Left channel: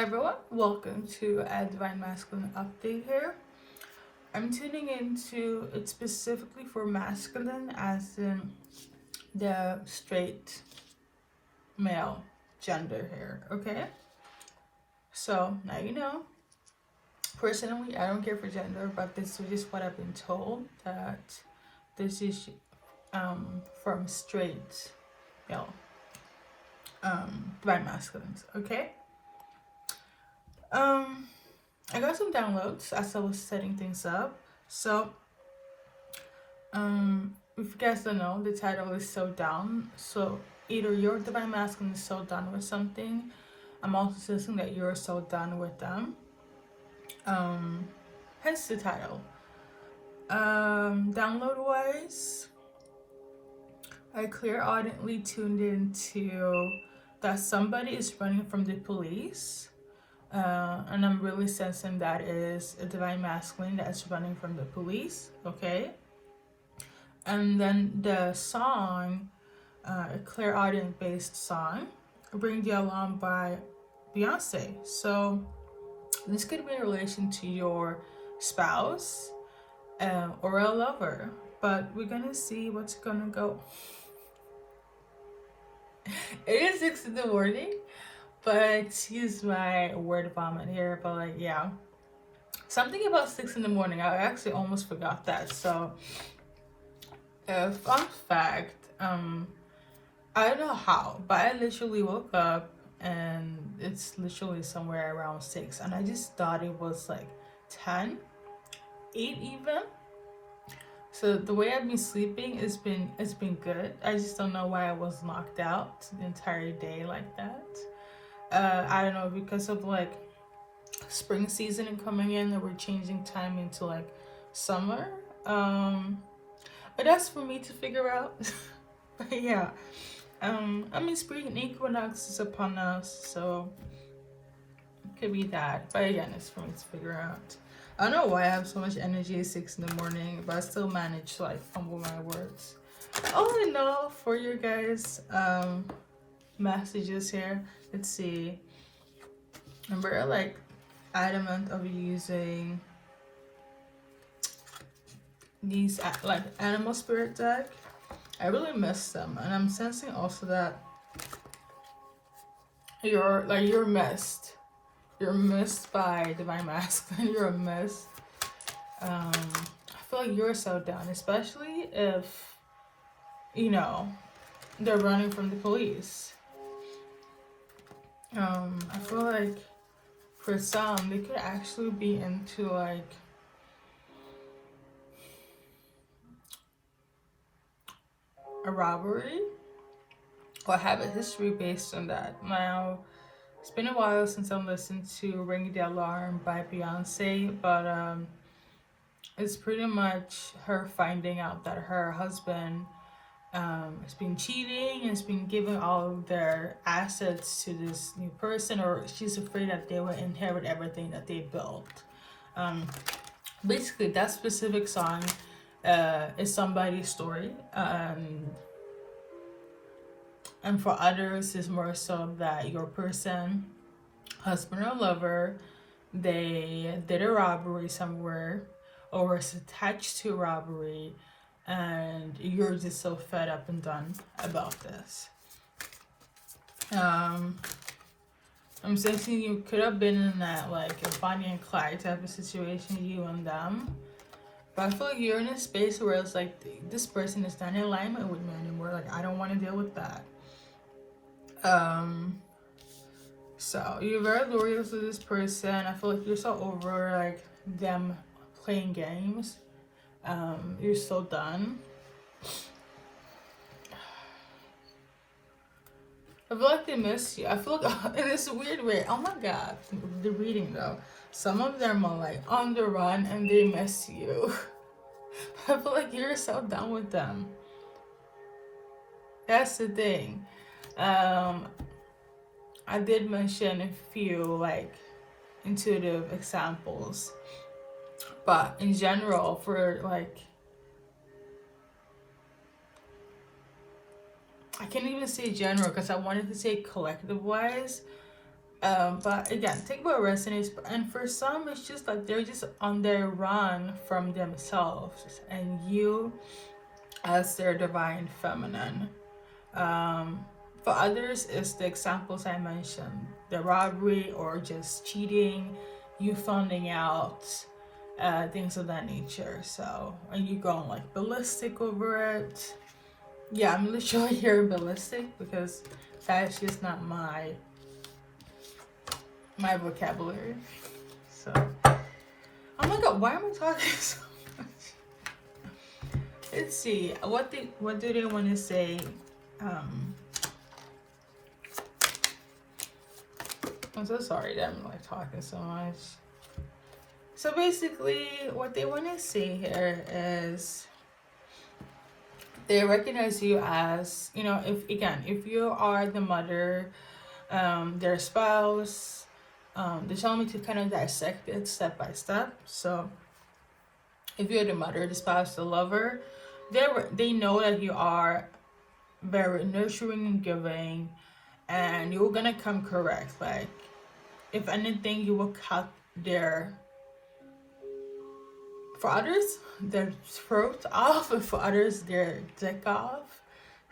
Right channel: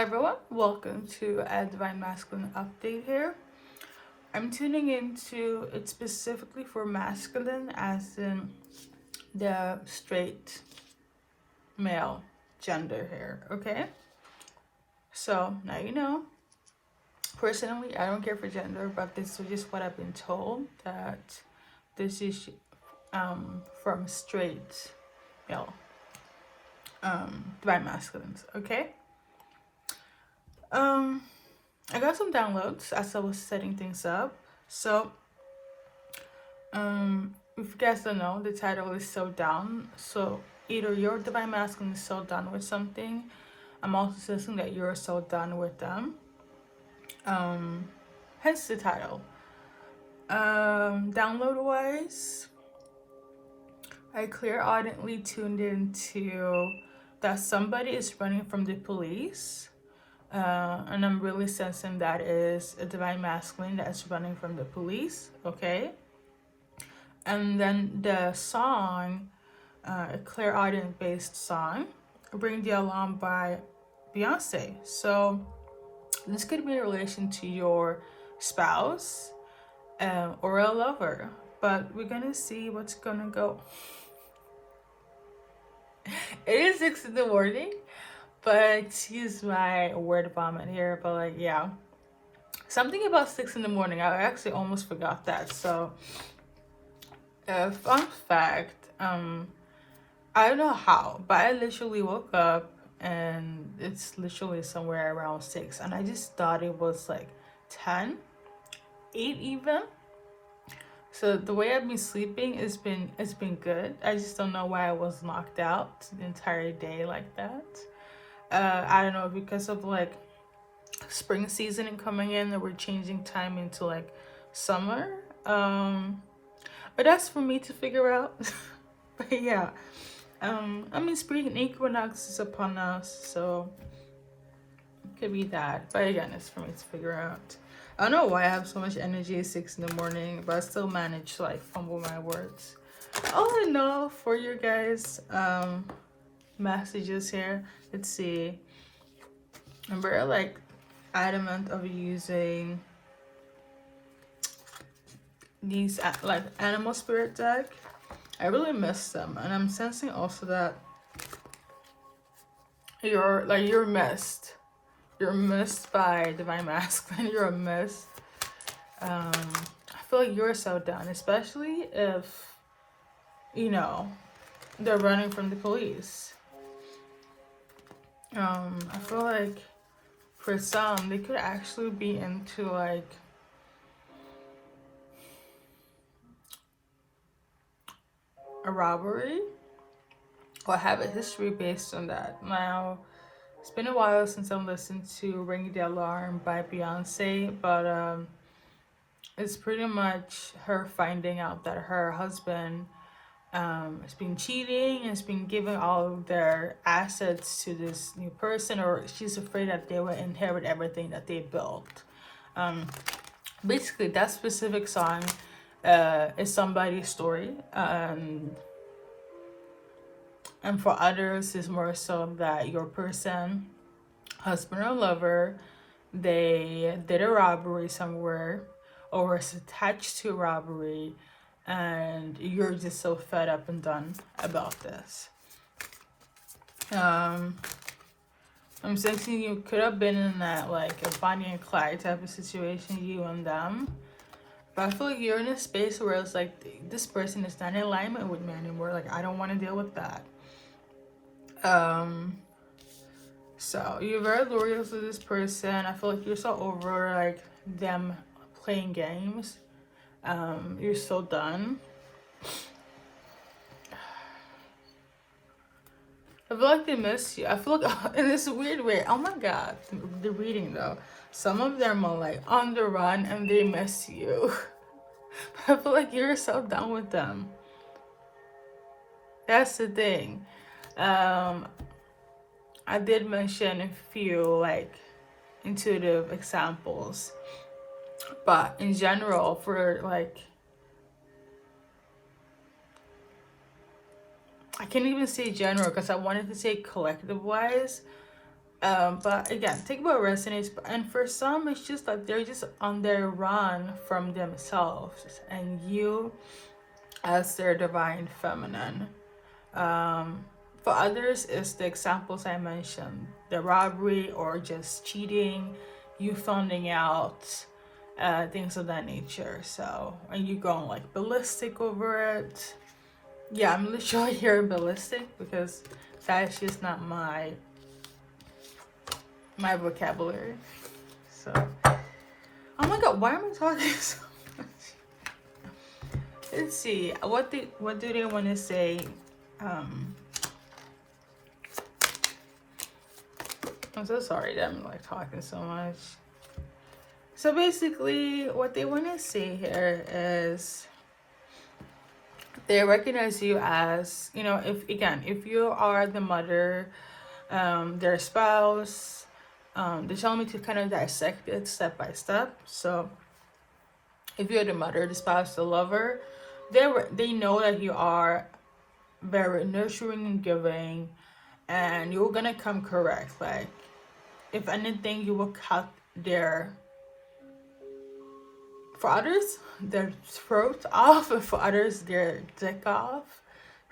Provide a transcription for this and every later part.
everyone, welcome to a Divine Masculine update here. I'm tuning into it specifically for masculine, as in the straight male gender here, okay? So now you know. Personally, I don't care for gender, but this is just what I've been told, that this is from straight male divine masculines, okay? I got some downloads as I was setting things up. So if you guys don't know, the title is So Down. So either your divine masculine is so done with something, I'm also sensing that you're so done with them. Hence the title. Download wise, I clairaudiently tuned into that somebody is running from the police. And I'm really sensing that is a divine masculine that is running from the police, okay? And then the song, a clairaudient based song, Bring the Alarm by Beyonce. So this could be in relation to your spouse or a lover, but we're gonna see what's gonna go. It is 6 in the morning, but excuse my word vomit here, but like, yeah, something about 6 in the morning, I actually almost forgot that. So fun fact, I don't know how, but I literally woke up and it's literally somewhere around 6, and I just thought it was like 10, 8 even. So the way I've been sleeping it's been good. I just don't know why I was knocked out the entire day like that. I don't know, because of like spring season coming in, that we're changing time into like summer. But that's for me to figure out. But yeah, I mean, spring equinox is upon us, so it could be that. But again, it's for me to figure out. I don't know why I have so much energy at 6 in the morning, but I still manage to like fumble my words. All I know for you guys, messages here. Let's see. I'm very like adamant of using these like animal spirit deck. I really miss them, and I'm sensing also that you're missed. You're missed by divine masculine. You're missed. I feel like you're so down, especially if you know they're running from the police. I feel like for some they could actually be into like a robbery or have a history based on that. Now, it's been a while since I've listened to Ring the Alarm by Beyonce, but it's pretty much her finding out that her husband has been cheating and has been giving all of their assets to this new person, or she's afraid that they will inherit everything that they built. Basically, that specific song is somebody's story, and for others is more so that your person, husband or lover, they did a robbery somewhere or is attached to a robbery, and you're just so fed up and done about this. I'm sensing you could have been in that like a Bonnie and Clyde type of situation, you and them. But I feel like you're in a space where it's like, this person is not in alignment with me anymore. Like, I don't want to deal with that. So you're very loyal to this person. I feel like you're so over like them playing games. You're so done. I feel like they miss you. I feel like in this weird way, oh my god, the reading though. Some of them are like on the run and they miss you. I feel like you're so done with them. That's the thing. I did mention a few like intuitive examples, but in general, for like, I can't even say general because I wanted to say collective wise, But again, think about resonates, and for some, it's just like they're just on their run from themselves, and you as their divine feminine. For others, it's the examples I mentioned, the robbery or just cheating, you finding out, things of that nature. So, and you going like ballistic over it. Yeah, I'm literally hearing ballistic because that's just not my vocabulary. So, oh my god, why am I talking so much? Let's see, what do they want to say? I'm so sorry that I'm like talking so much. So basically, what they want to say here is they recognize you as, you know, if you are the mother, their spouse, they tell me to kind of dissect it step by step. So if you're the mother, the spouse, the lover, they know that you are very nurturing and giving, and you're gonna come correct. Like, if anything, you will cut their, for others, their throat off, and for others, their dick off.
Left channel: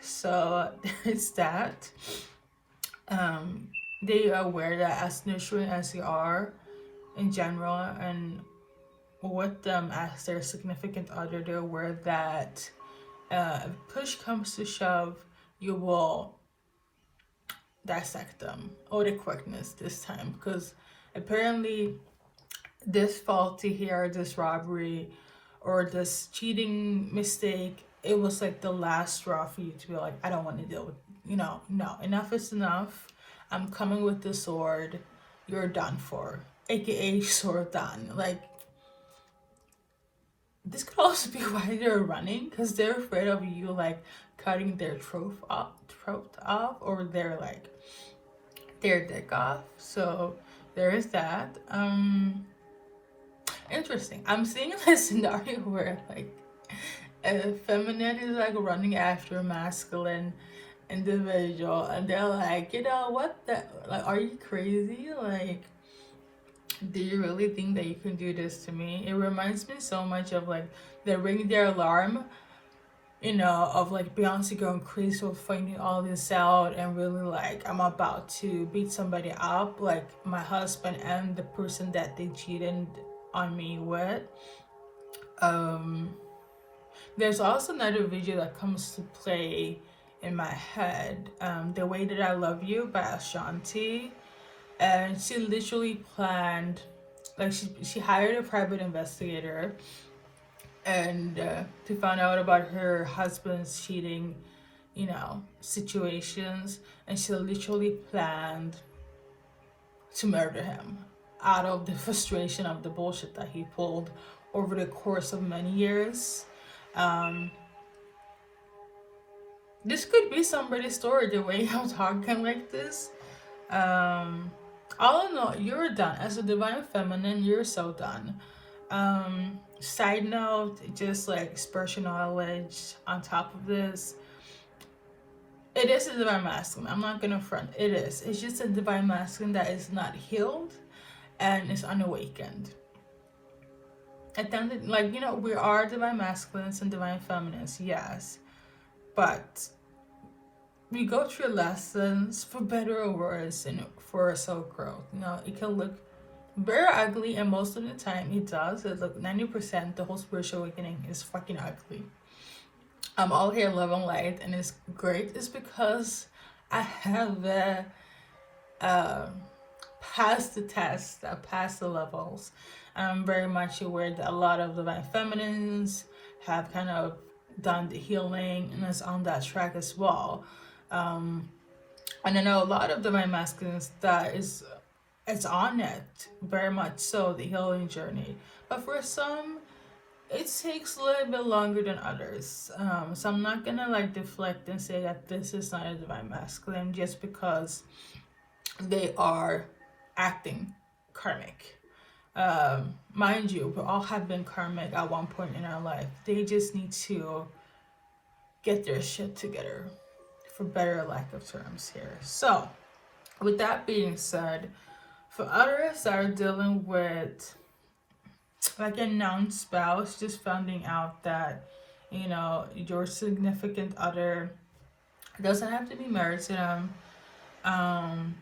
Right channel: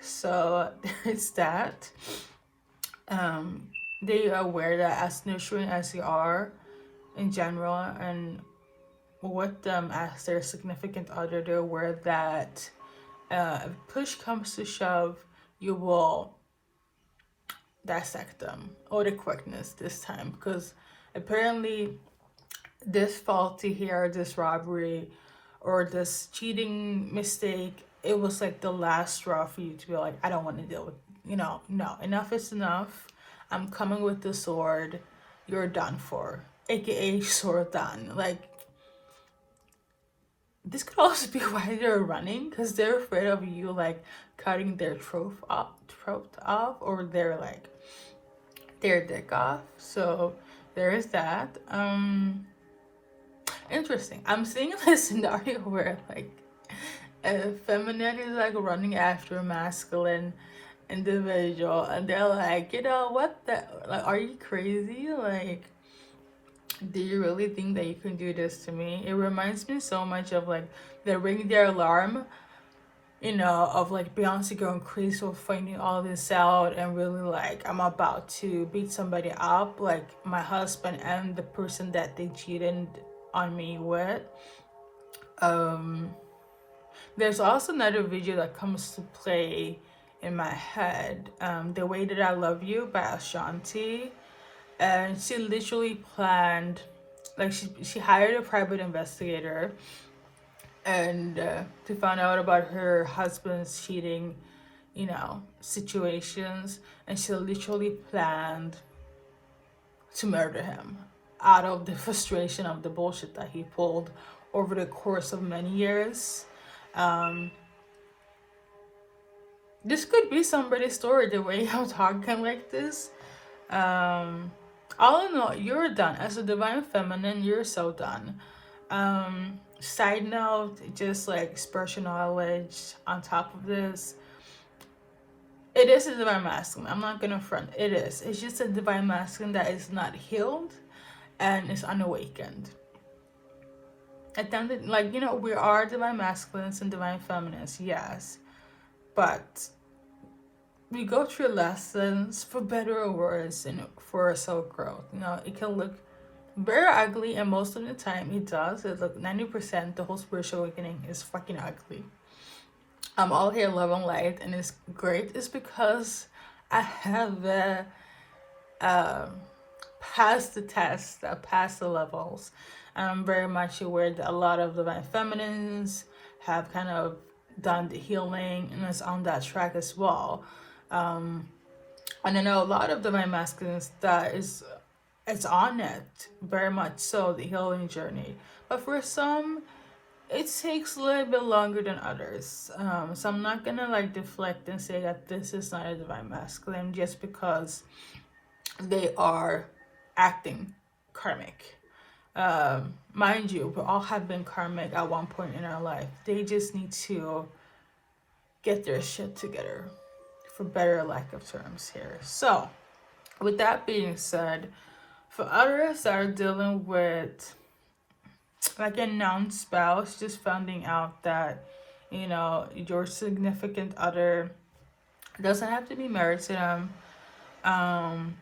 So there's that. They are aware that as nurturing as you are in general, and with them as their significant other, they're aware that if push comes to shove, you will dissect them, or the quickness this time, because apparently this faulty here, this robbery or this cheating mistake, it was like the last straw for you to be like, I don't want to deal with, no, enough is enough. I'm coming with the sword. You're done for, aka sword done. Like, this could also be why they're running, because they're afraid of you like cutting their throat off, or their dick off. So there is that. Interesting. I'm seeing a scenario where like a feminine is like running after a masculine individual, and they're like, you know what, like, are you crazy? Like, do you really think that you can do this to me? It reminds me so much of like the ring their alarm, you know, of like Beyonce going crazy for finding all this out, and really like, I'm about to beat somebody up, like my husband and the person that they cheated on me with. There's also another video that comes to play in my head, The Way That I Love You by Ashanti. And she literally planned, like she hired a private investigator, and to find out about her husband's cheating, you know, situations, and she literally planned to murder him out of the frustration of the bullshit that he pulled over the course of many years. This could be somebody's story, the way I'm talking like this. All in all, you're done. As a divine feminine, you're so done. Side note, just like spiritual knowledge on top of this, it is a divine masculine. I'm not gonna front. It is. It's just a divine masculine that is not healed and is unawakened. At the end, like, you know, we are divine masculines and divine feminines, yes, but we go through lessons for better or worse, and for our soul growth. You know, it can look very ugly, and most of the time it does. It's like 90% the whole spiritual awakening is fucking ugly. I'm all here love and light, and it's great. It's because I have passed the test, passed the levels. I'm very much aware that a lot of divine feminines have kind of done the healing and is on that track as well. And I know a lot of divine masculines that it's on it, very much so, the healing journey. But for some, it takes a little bit longer than others. So I'm not gonna like deflect and say that this is not a divine masculine just because they are acting karmic. Mind you, we all have been karmic at one point in our life. They just need to get their shit together, for better lack of terms here. So with that being said, for others that are dealing with like a non-spouse, just finding out that, you know, your significant other doesn't have to be married to them. Um,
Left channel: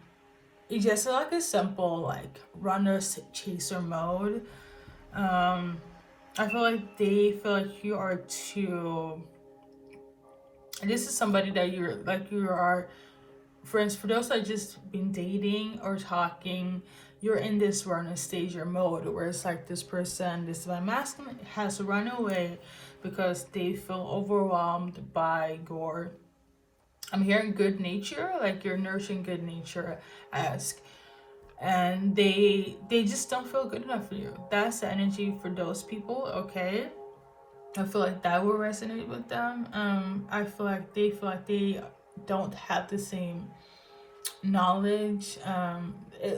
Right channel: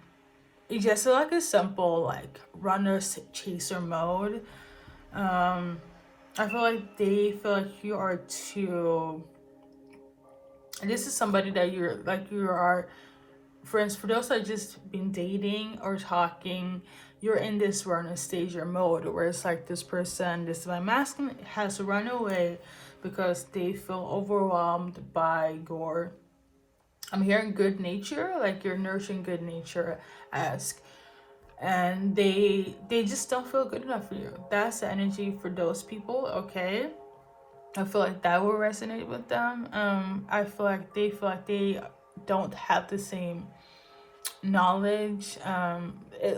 it's just like a simple like runner chaser mode. Um, I feel like they feel like you are too. This is somebody that you're like you are. Friends, for those that just been dating or talking, you're in this runner stage or mode where it's like this person, this divine masculine, has run away because they feel overwhelmed by your. I'm hearing good nature, like you're nurturing good nature, ask, and they just don't feel good enough for you. That's the energy for those people. Okay, I feel like that will resonate with them. I feel like they don't have the same knowledge.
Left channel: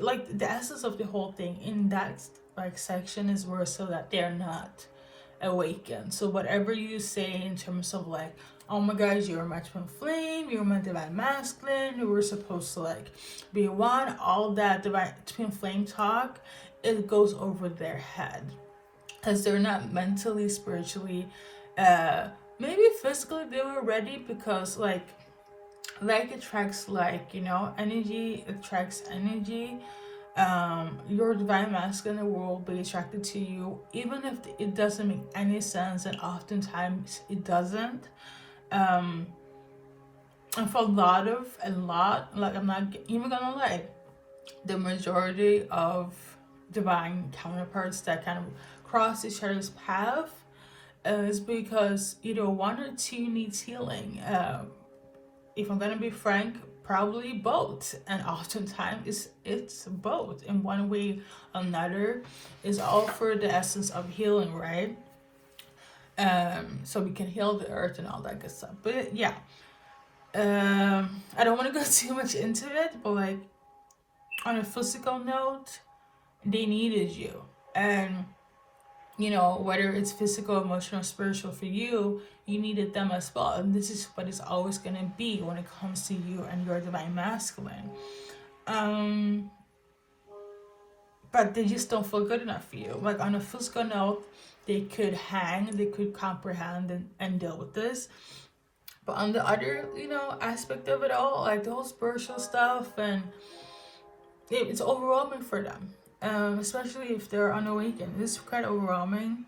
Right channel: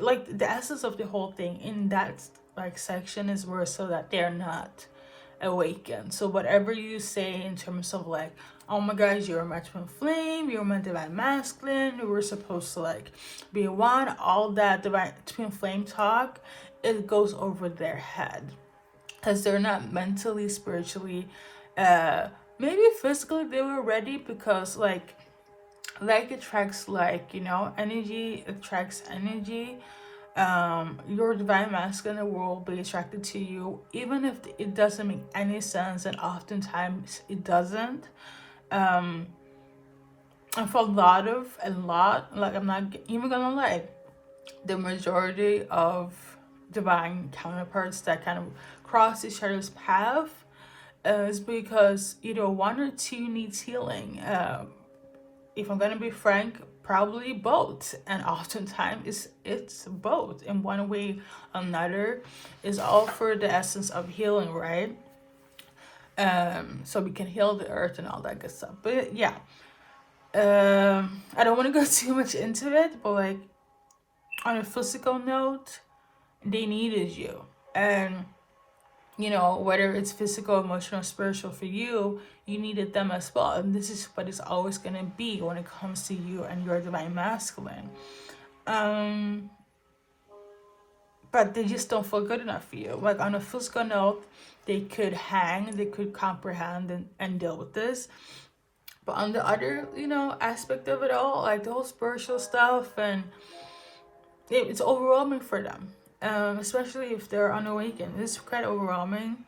Like the essence of the whole thing in that like section is where so that they're not awakened. So whatever you say in terms of like, oh my gosh, you're my twin flame, you're my divine masculine, you were supposed to like be one, all that divine twin flame talk, it goes over their head because they're not mentally, spiritually, maybe physically they were ready, because like attracts like, you know, energy attracts energy. Your divine masculine will be attracted to you even if it doesn't make any sense, and oftentimes it doesn't. And for a lot, like, I'm not even gonna lie, the majority of divine counterparts that kind of cross each other's path is because either one or two needs healing. If I'm gonna be frank, probably both, and oftentimes it's both in one way or another. Is all for the essence of healing, right? So we can heal the earth and all that good stuff. But yeah, I don't want to go too much into it, but like on a physical note, they needed you, and you know, whether it's physical, emotional, spiritual for you, you needed them as well. And this is what it's always going to be when it comes to you and your divine masculine. But they just don't feel good enough for you. Like on a physical note, they could hang, they could comprehend and deal with this. But on the other, you know, aspect of it all, like the whole spiritual stuff, and it's overwhelming for them. Especially if they're unawakened. It's quite overwhelming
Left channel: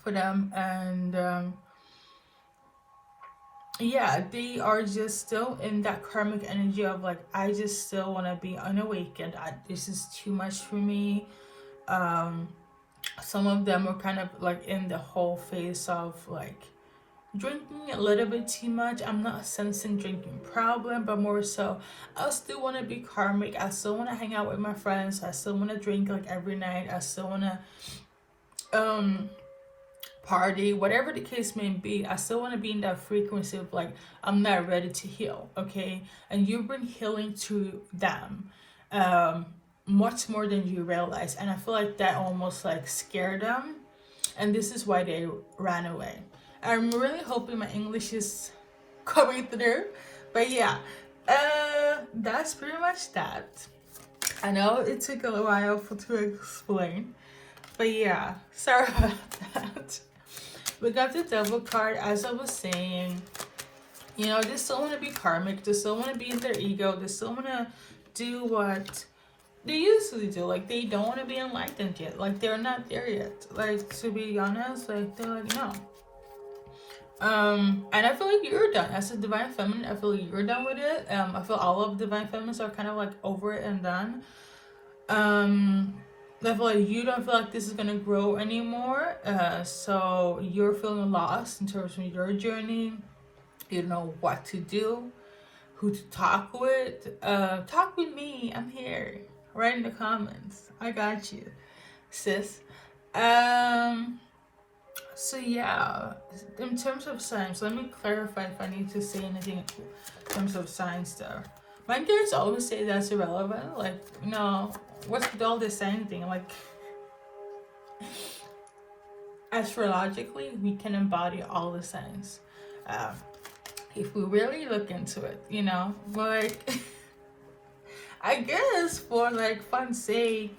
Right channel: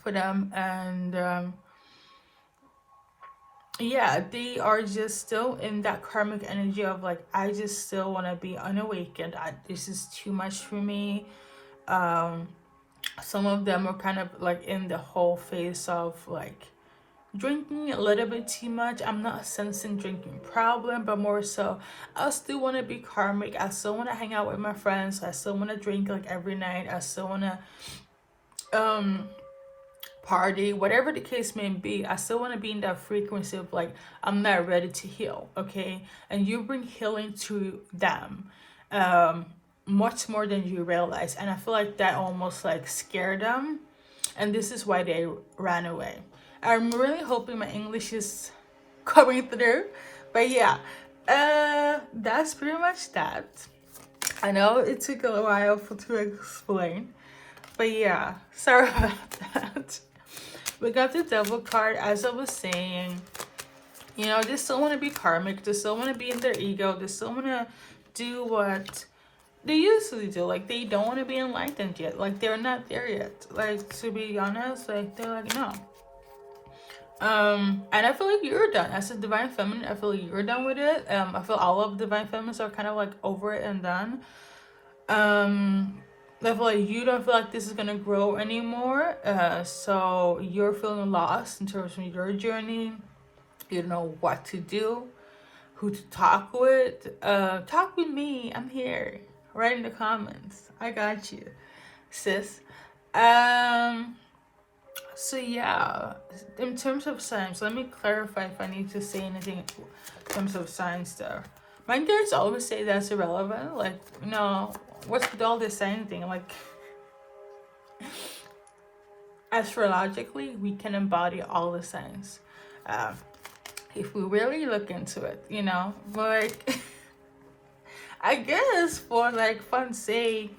for them, and yeah, they are just still in that karmic energy of like, I just still want to be unawakened. This is too much for me. Some of them are kind of like in the whole phase of like drinking a little bit too much. I'm not sensing drinking problem, but more so I still want to be karmic. I still want to hang out with my friends. I still want to drink like every night. I still want to party, whatever the case may be. I still want to be in that frequency of like, I'm not ready to heal. Okay, and you bring healing to them much more than you realize, and I feel like that almost like scared them, and this is why they ran away. I'm really hoping my English is coming through. But yeah, that's pretty much that. I know it took a while to explain. But yeah, sorry about that. We got the Devil card, as I was saying. You know, they still want to be karmic. They still want to be in their ego. They still want to do what they usually do. Like, they don't want to be enlightened yet. Like, they're not there yet. Like, to be honest, like, they're like, no. And I feel like you're done. As a divine feminine, I feel like you're done with it. I feel all of divine feminines are kind of like over it and done. I feel like you don't feel like this is gonna grow anymore. So you're feeling lost in terms of your journey. You don't know what to do, who to talk with. Talk with me. I'm here. Write in the comments. I got you, sis. So yeah, in terms of signs, let me clarify if I need to say anything in terms of signs though. My girls always say that's irrelevant. Like, no, what's with all this sign thing? Like, astrologically, we can embody all the signs. If we really look into it, you know, like, I guess for like fun's sake,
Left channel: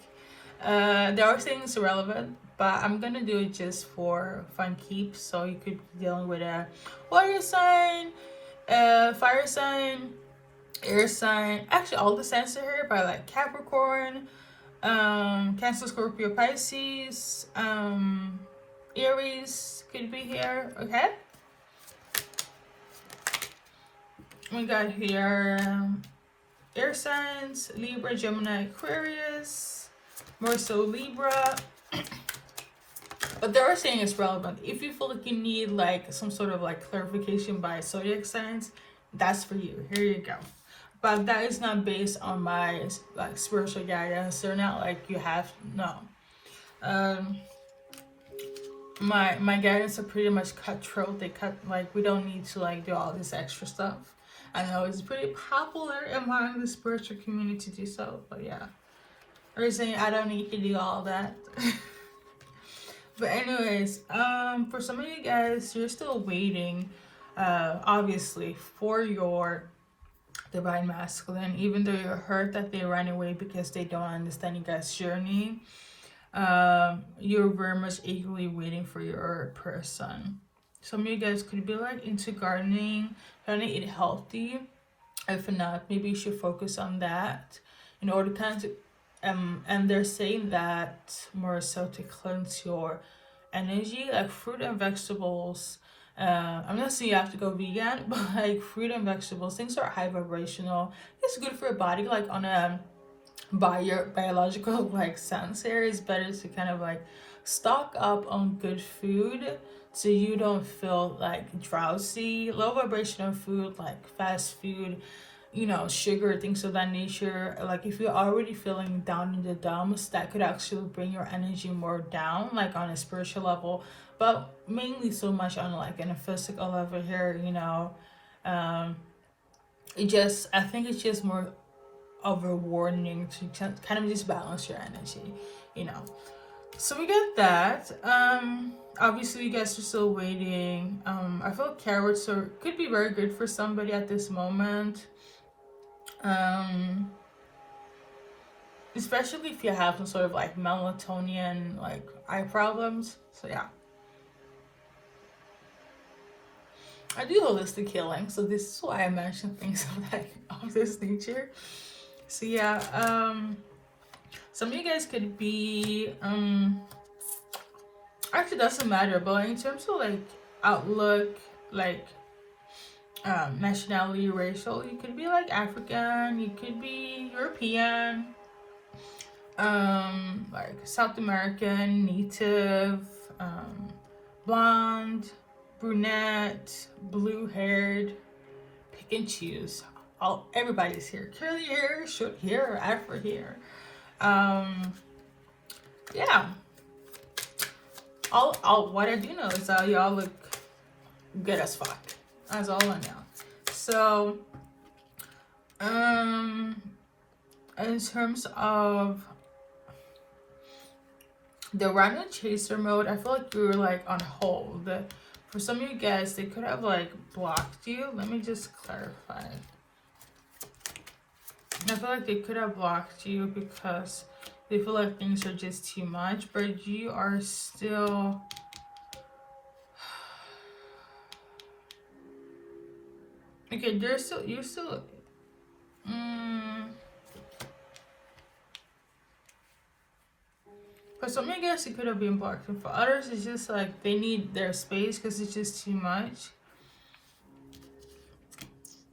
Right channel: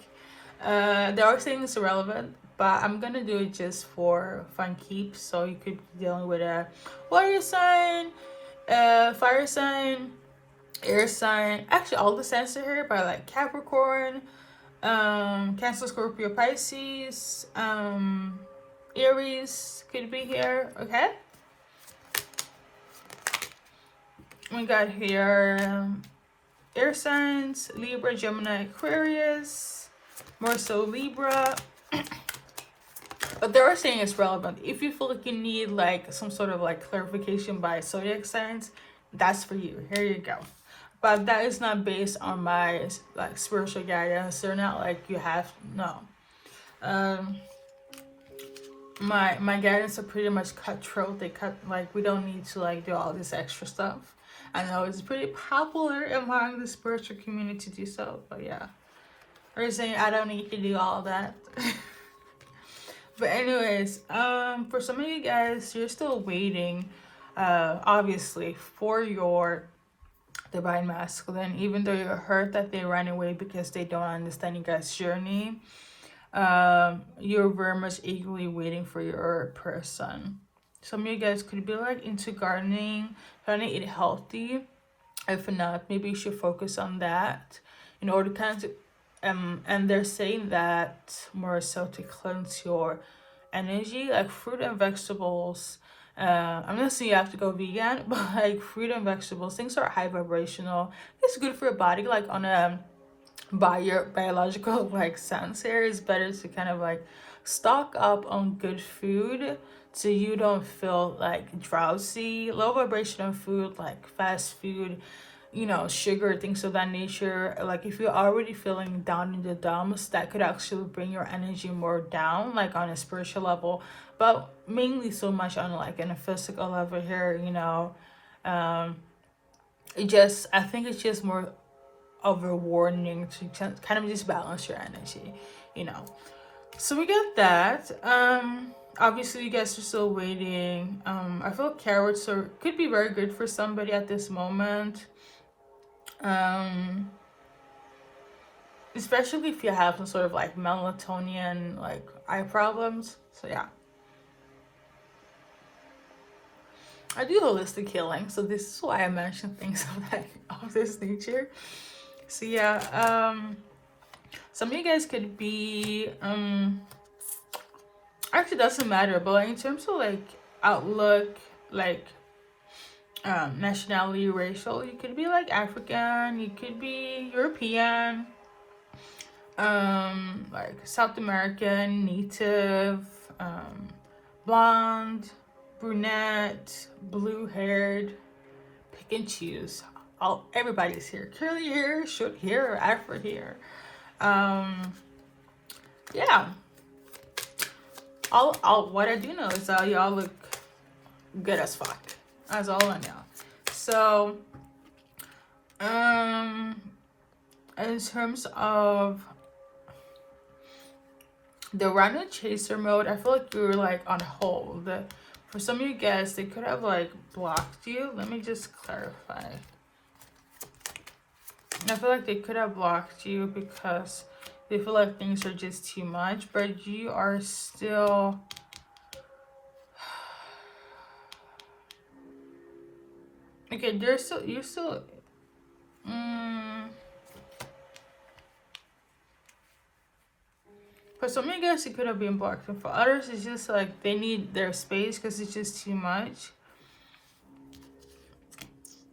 there are things relevant, but I'm gonna do it just for fun keeps. So you could be dealing with a water sign, fire sign, air sign. Actually, all the signs are here, by like Capricorn, Cancer, Scorpio, Pisces, Aries could be here. Okay, we got here air signs: Libra, Gemini, Aquarius, more so Libra. But they are saying it's relevant. If you feel like you need like some sort of like clarification by zodiac signs, that's for you. Here you go. But that is not based on my like spiritual guidance. They're not like you have, no. My guidance are pretty much cutthroat. They cut, like, we don't need to like do all this extra stuff. I know it's pretty popular among the spiritual community to do so, but yeah. They're saying I don't need to do all that. But anyways, for some of you guys, you're still waiting, obviously, for your divine masculine, even though you're hurt that they ran away because they don't understand you guys' journey. You're very much eagerly waiting for your person. Some of you guys could be like into gardening, trying to eat healthy. If not, maybe you should focus on that in order to kind of, and they're saying that more so to cleanse your energy, like fruit and vegetables. I'm not saying you have to go vegan, but like fruit and vegetables, things are high vibrational. It's good for your body, like on a biological like sense. Here is better to kind of like stock up on good food so you don't feel like drowsy. Low vibrational food like fast food, you know, sugar, things of that nature. Like if you're already feeling down in the dumps, that could actually bring your energy more down, like on a spiritual level, but mainly so much on like in a physical level here, you know. I think it's just more of a warning to kind of just balance your energy, you know. So we get that. Obviously you guys are still waiting. I feel like carrots could be very good for somebody at this moment. Especially if you have some sort of like melatonin, like eye problems. So yeah, I do holistic healing, so this is why I mention things of this nature. So yeah, some of you guys could be actually doesn't matter, but in terms of like outlook, like nationality, racial, you could be like African, you could be European, like South American, native, blonde, brunette, blue haired, pick and choose. Everybody's here. Curly hair, short hair, or afro hair. Yeah. What I do know is that y'all look good as fuck. That's all I know. So, in terms of the random chaser mode, I feel like you're like on hold. For some of you guys, they could have like blocked you. Let me just clarify. I feel like they could have blocked you because they feel like things are just too much, but you are still... Okay, you're still... For some of you guys, it could have been blocked. And for others, it's just like they need their space because it's just too much.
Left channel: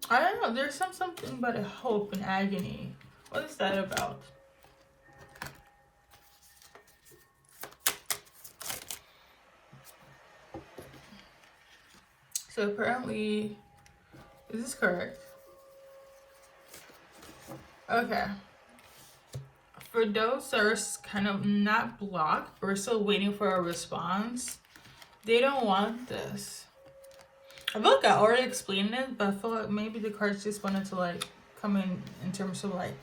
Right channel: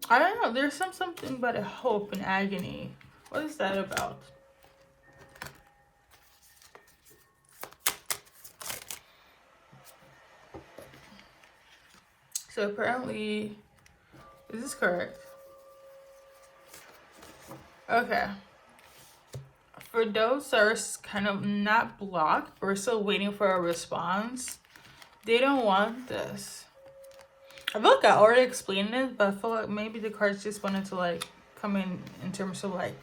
I don't know. There's something about a hope and agony. What is that about? So apparently, is this correct? Okay. For those that are kind of not blocked, we're still waiting for a response. They don't want this. I feel like I already explained it, but I feel like maybe the cards just wanted to like come in terms of like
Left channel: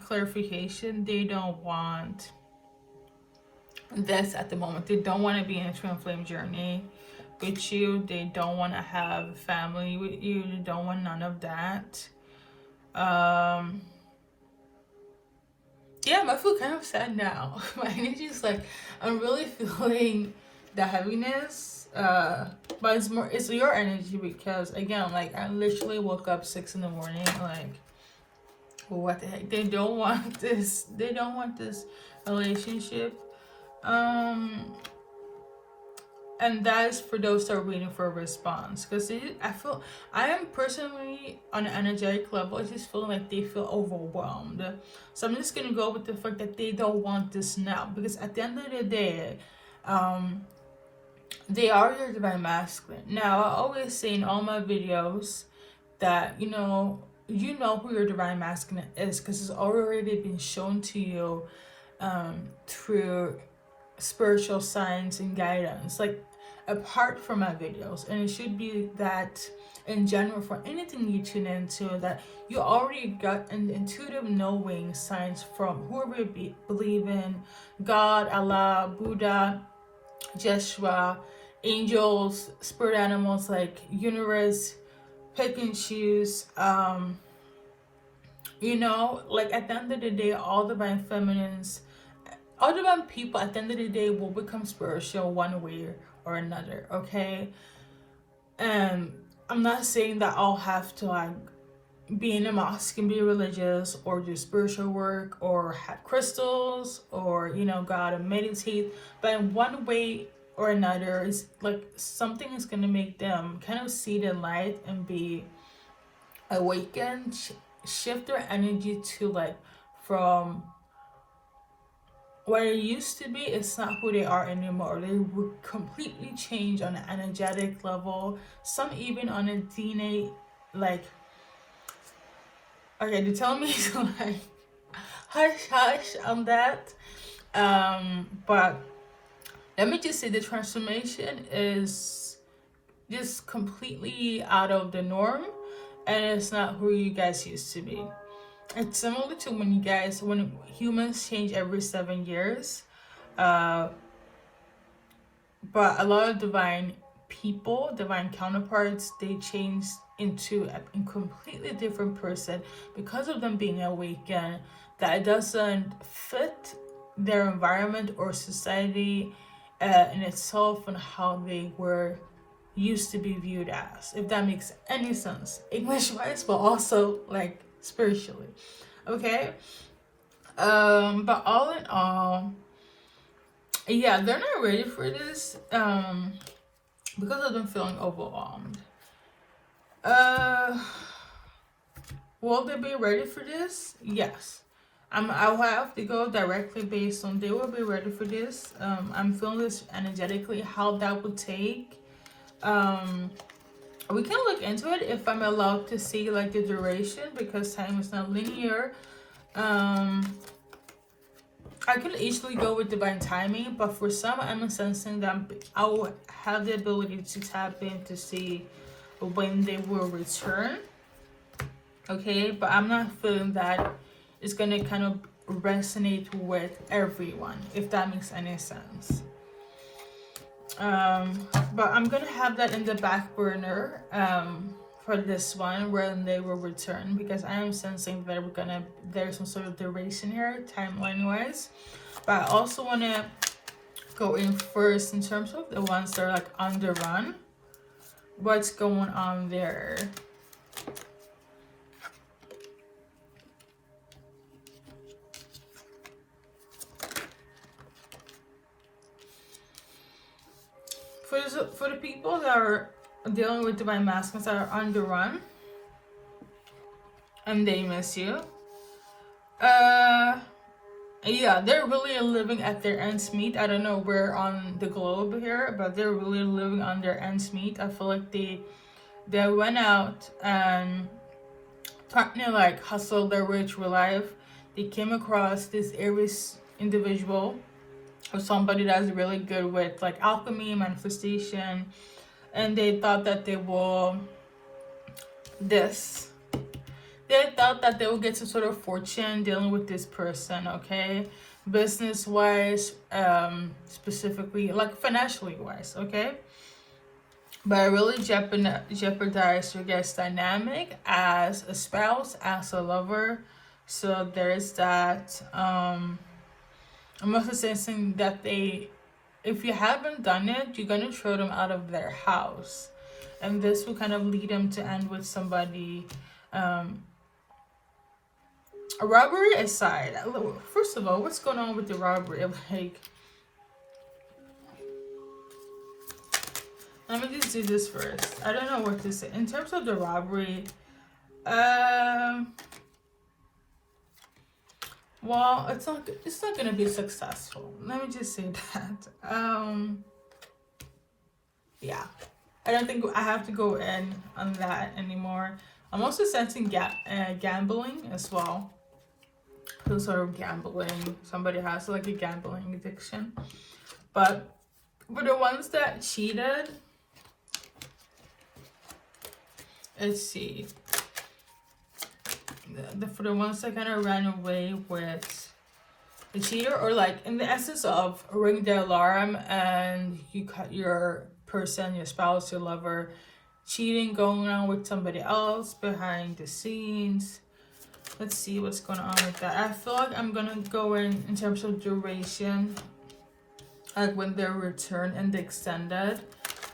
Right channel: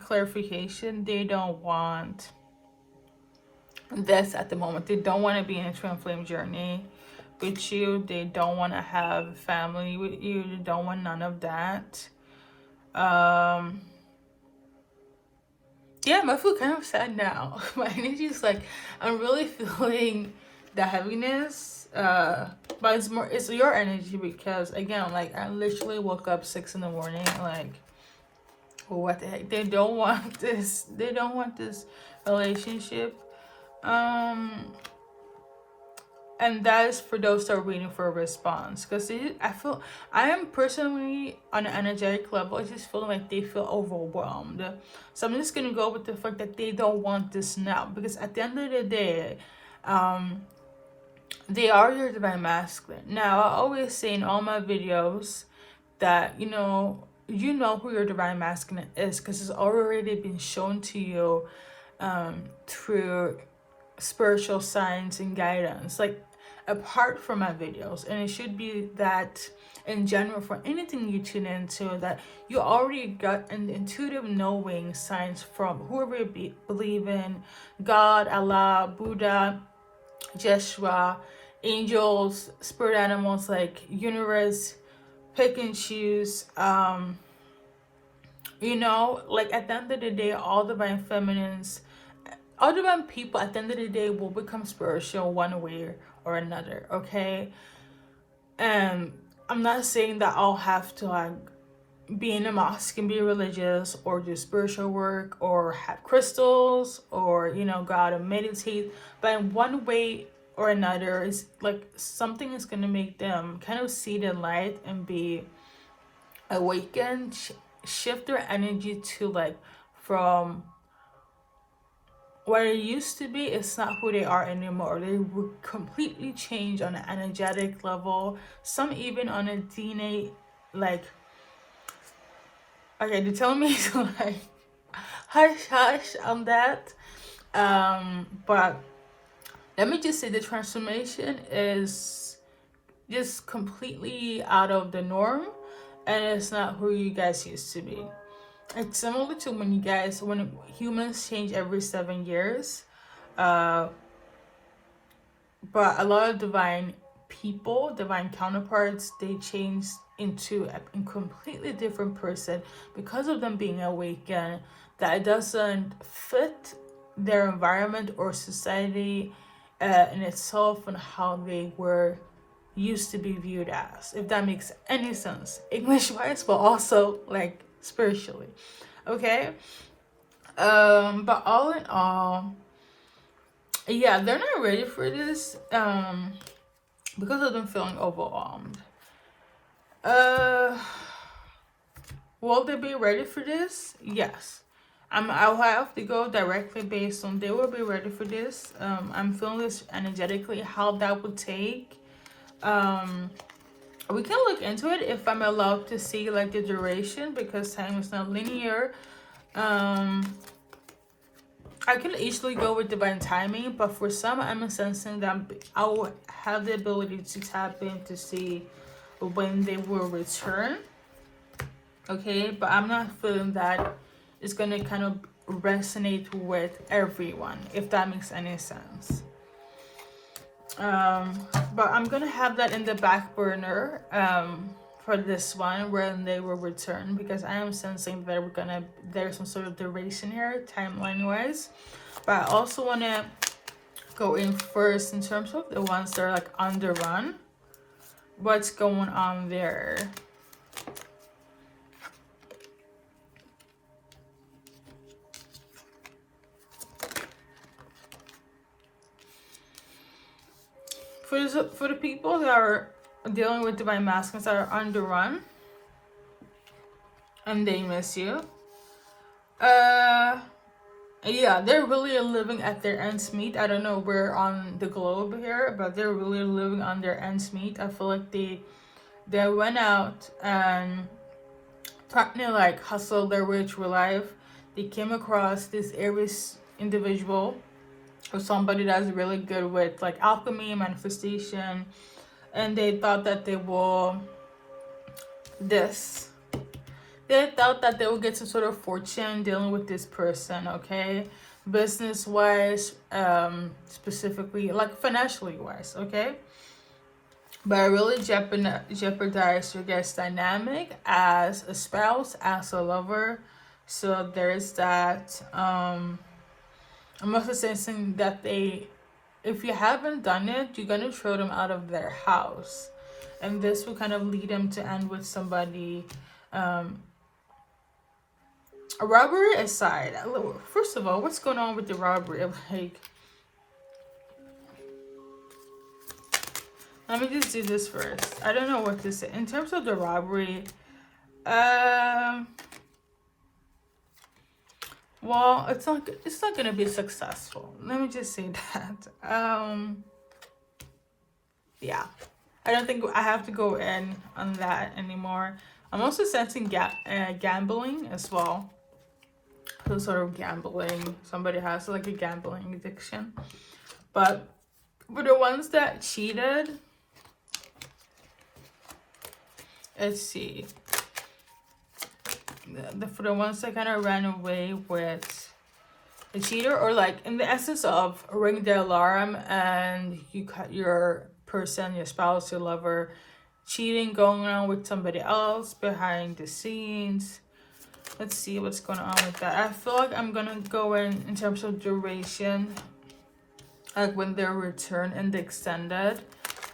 clarification. They don't want this at the moment. They don't want to be in a twin flame journey with you. They don't want to have family with you. They don't want none of that. yeah, I feel kind of sad now. My energy is like, I'm really feeling the heaviness. But it's your energy because again, like I literally woke up 6 in the morning, like what the heck? They don't want this. They don't want this relationship. Um, and that is for those that are waiting for a response. Because I feel, I am personally on an energetic level, I just feel like they feel overwhelmed. So I'm just gonna go with the fact that they don't want this now. Because at the end of the day, they are your divine masculine. Now, I always say in all my videos that, you know who your divine masculine is because it's already been shown to you through spiritual signs and guidance, like apart from my videos. And it should be that in general for anything you tune into, that you already got an intuitive knowing signs from whoever you believe in, God, Allah, Buddha, Jeshua, angels, spirit animals, like universe, pick and choose. Like at the end of the day, all divine feminines, all divine people at the end of the day will become spiritual one way or another, okay? And I'm not saying that I'll have to like be in a mosque and be religious or do spiritual work or have crystals or go out and meditate, but in one way or another, is like something is going to make them kind of see the light and be awakened, shift their energy to like from what it used to be. It's not who they are anymore. They would completely change on an energetic level, some even on a DNA, like, okay, they're telling me to like hush hush on that. But let me just say the transformation is just completely out of the norm, and it's not who you guys used to be. It's similar to when humans change every 7 years. But a lot of divine people, divine counterparts, they change into a completely different person because of them being awakened, that it doesn't fit their environment or society in itself and how they were used to be viewed as, if that makes any sense, English wise, but also like spiritually, okay? But all in all, yeah, they're not ready for this because of them feeling overwhelmed. Will they be ready for this? Yes. I'll have to go directly based on they will be ready for this. I'm feeling this energetically, how that would take. We can look into it if I'm allowed to see like the duration, because time is not linear. I could easily go with divine timing, but for some, I'm sensing that I will have the ability to tap in to see when they will return. Okay, but I'm not feeling that it's gonna kind of resonate with everyone, if that makes any sense. But I'm gonna have that in the back burner for this one when they will return, because I am sensing that there's some sort of duration here timeline wise. But I also want to go in first in terms of the ones that are like on the run. What's going on there? For the people that are dealing with divine masculines that are on the run and they miss you, yeah, they're really living at their ends meet. I don't know where on the globe here, but they're really living on their ends meet. I feel like they went out and trying to like hustle their way through life. They came across this Aries individual or somebody that's really good with like alchemy, manifestation, and they thought that they thought that they would get some sort of fortune dealing with this person, okay? Business wise, specifically, like financially wise, okay? But I really jeopardize your guys' dynamic as a spouse, as a lover, So there's that. I'm also sensing that if you haven't done it, you're gonna throw them out of their house, and this will kind of lead them to end with somebody. A robbery aside, first of all, what's going on with the robbery? Like, let me just do this first. I don't know what to say in terms of the robbery. Well, it's not gonna be successful. Let me just say that. Yeah, I don't think I have to go in on that anymore. I'm also sensing gambling as well. Some sort of gambling. Somebody has like a gambling addiction. But for the ones that cheated, let's see. For the ones that kind of ran away with a cheater, or like in the essence of ring the alarm and you cut your person, your spouse, your lover, cheating, going on with somebody else behind the scenes. Let's see what's going on with that. I feel like I'm gonna go in terms of duration, like when they're returned and the extended,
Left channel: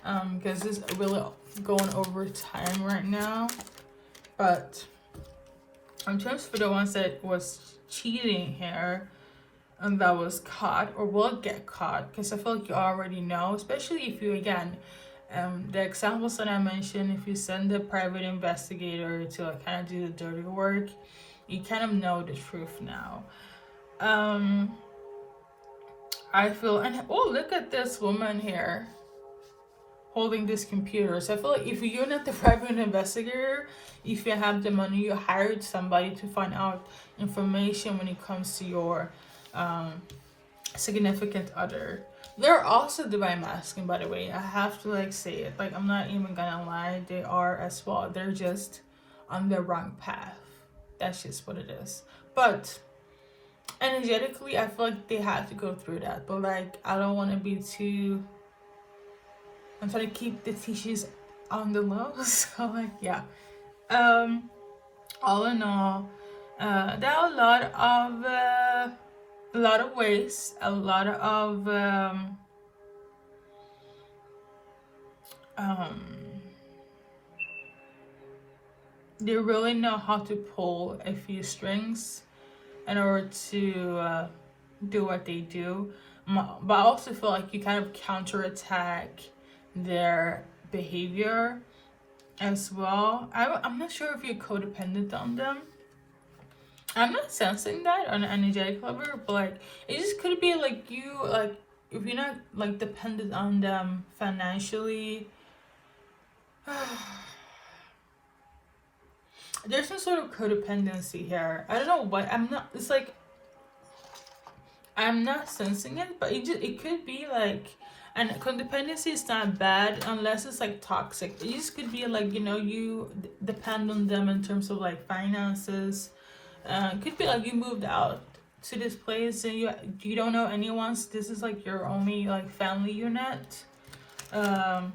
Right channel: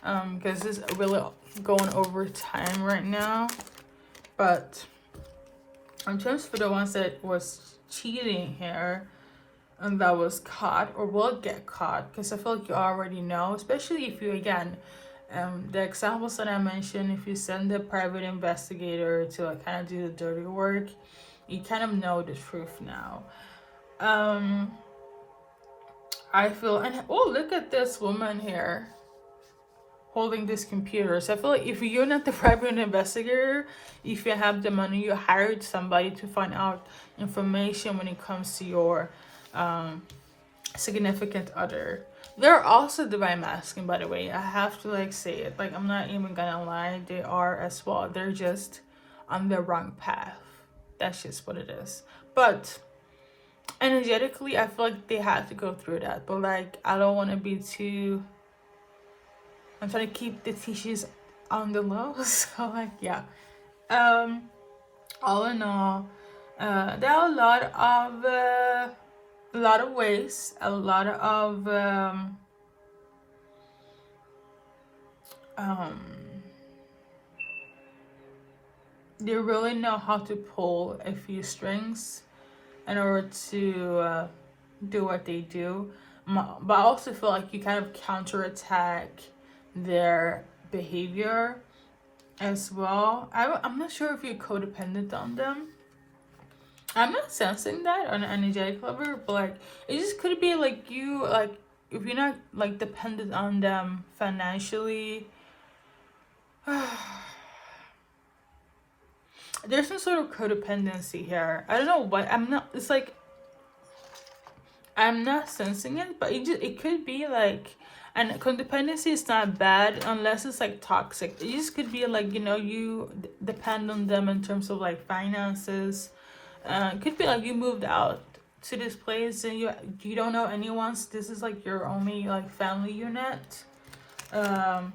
because this is really going over time right now. But in terms for the ones that was cheating here and that was caught or will get caught, because I feel like you already know, especially if you, again, the examples that I mentioned, if you send a private investigator to like kind of do the dirty work, you kind of know the truth now. I feel, and oh, look at this woman here holding this computer. So I feel like if you're not the private investigator, if you have the money, you hired somebody to find out information when it comes to your significant other. They're also divine masculine, by the way. I have to like say it. Like, I'm not even gonna lie, they are as well. They're just on the wrong path. That's just what it is. But energetically, I feel like they had to go through that. But like, I don't want to be too, I'm trying to keep the tissues on the low. So like, yeah. All in all, there are a lot of ways, a lot of they really know how to pull a few strings in order to do what they do. But I also feel like you kind of counterattack their behavior as well. I'm not sure if you're codependent on them. I'm not sensing that on an energetic level, but like, it just could be like you, like, if you're not like dependent on them financially, there's some sort of codependency here. I don't know what, it's like, I'm not sensing it, but it could be like, and codependency is not bad unless it's like toxic. It just could be like, you know, you depend on them in terms of like finances. It could be like you moved out to this place and you don't know anyone. So this is like your only like family unit. So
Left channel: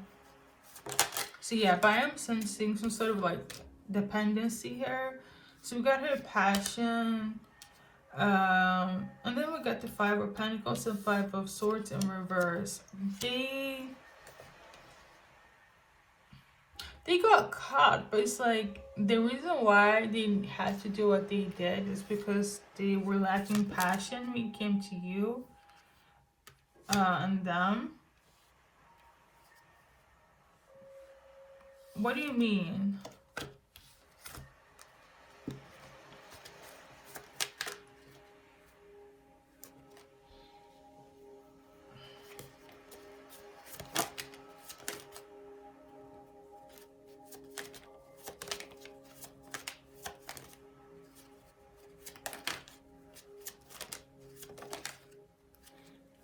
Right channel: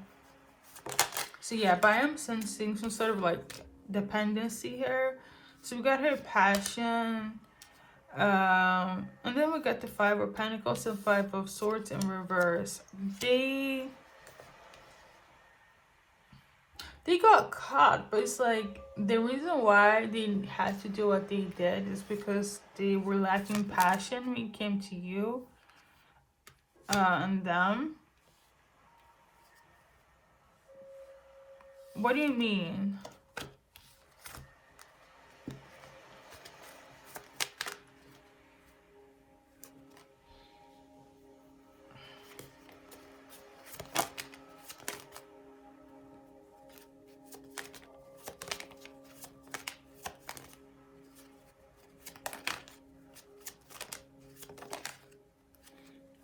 yeah, but I am sensing some sort of like dependency here. So we got her passion. And then we got the 5 of Pentacles and 5 of Swords in reverse. They got caught, but it's like the reason why they had to do what they did is because they were lacking passion when it came to you and them. What do you mean?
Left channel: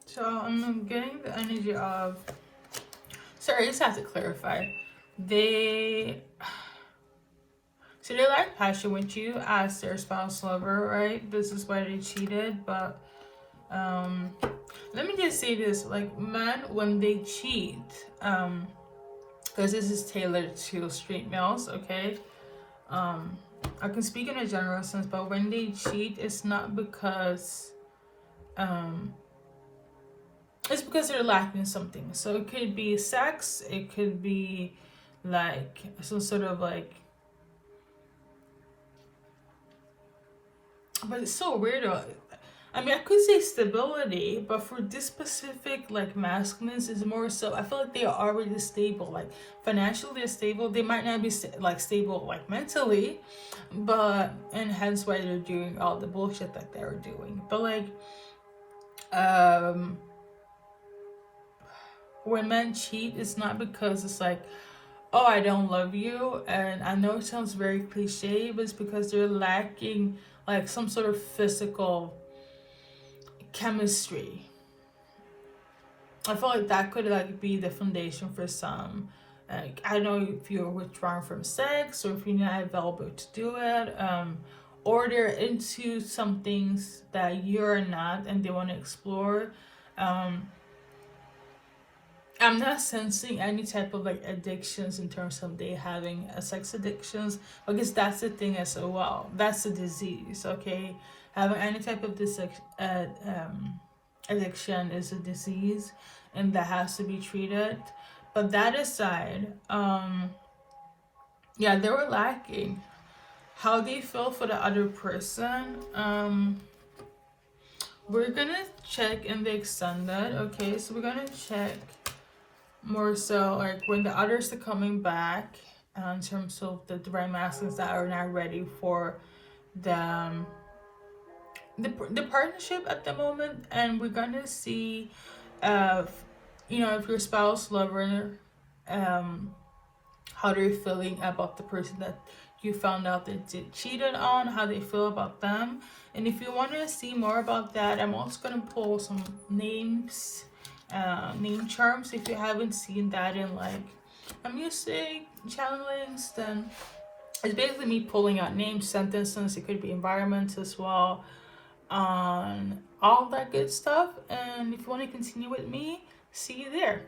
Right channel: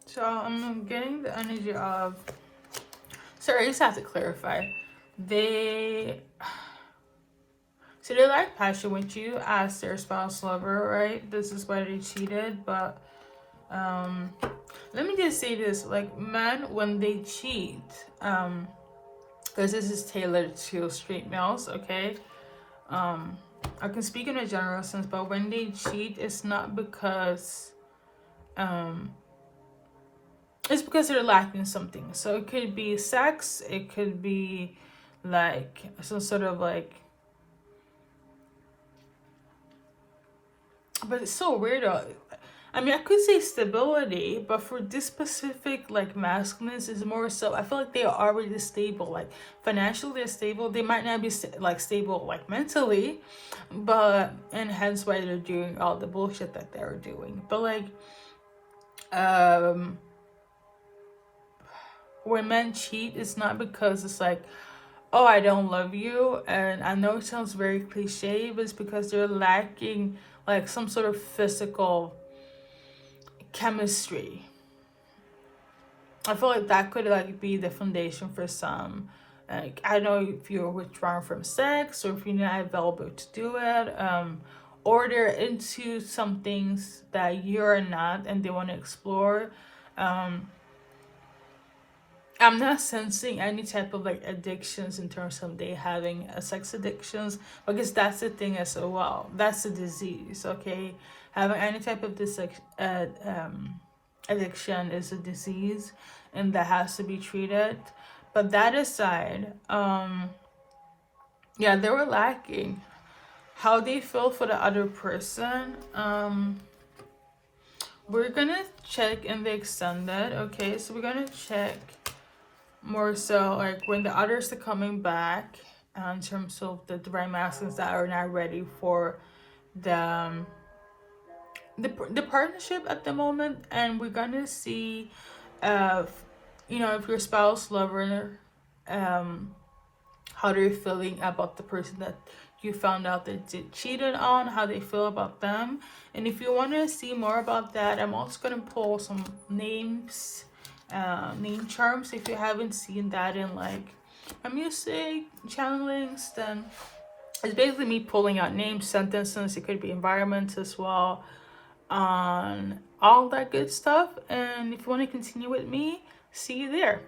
So I'm getting the energy of, sorry, I just have to clarify. They like passion with you as their spouse lover, right? This is why they cheated. But let me just say this, like, men, when they cheat, because this is tailored to straight males, okay? I can speak in a general sense, but when they cheat, it's not because it's because they're lacking something. So it could be sex, it could be like some sort of like, but it's so weird. I mean, I could say stability, but for this specific like masculines, is more so. I feel like they are already stable, like financially they're stable. They might not be like stable like mentally, but and hence why they're doing all the bullshit that they're doing. But like, um, when men cheat, it's not because it's like, oh, I don't love you. And I know it sounds very cliche, but it's because they're lacking like some sort of physical chemistry. I feel like that could like be the foundation for some. Like, I don't know if you're withdrawing from sex or if you're not available to do it, or they're into some things that you're not and they want to explore. I'm not sensing any type of like addictions in terms of they having a sex addictions, because that's the thing as well. That's a disease, okay? Having any type of this addiction is a disease, and that has to be treated. But that aside, yeah, they were lacking. How they feel for the other person, we're gonna check in the extended, okay? So we're gonna check more so like when the others are coming back, in terms of the divine masculines that are not ready for the the partnership at the moment. And we're gonna see if if your spouse lover, how they're feeling about the person that you found out that they cheated on, how they feel about them. And if you want to see more about that, I'm also going to pull some names, name charms. If you haven't seen that in like a music channelings, then it's basically me pulling out names, sentences. It could be environments as well, on all that good stuff. And if you want to continue with me, see you there.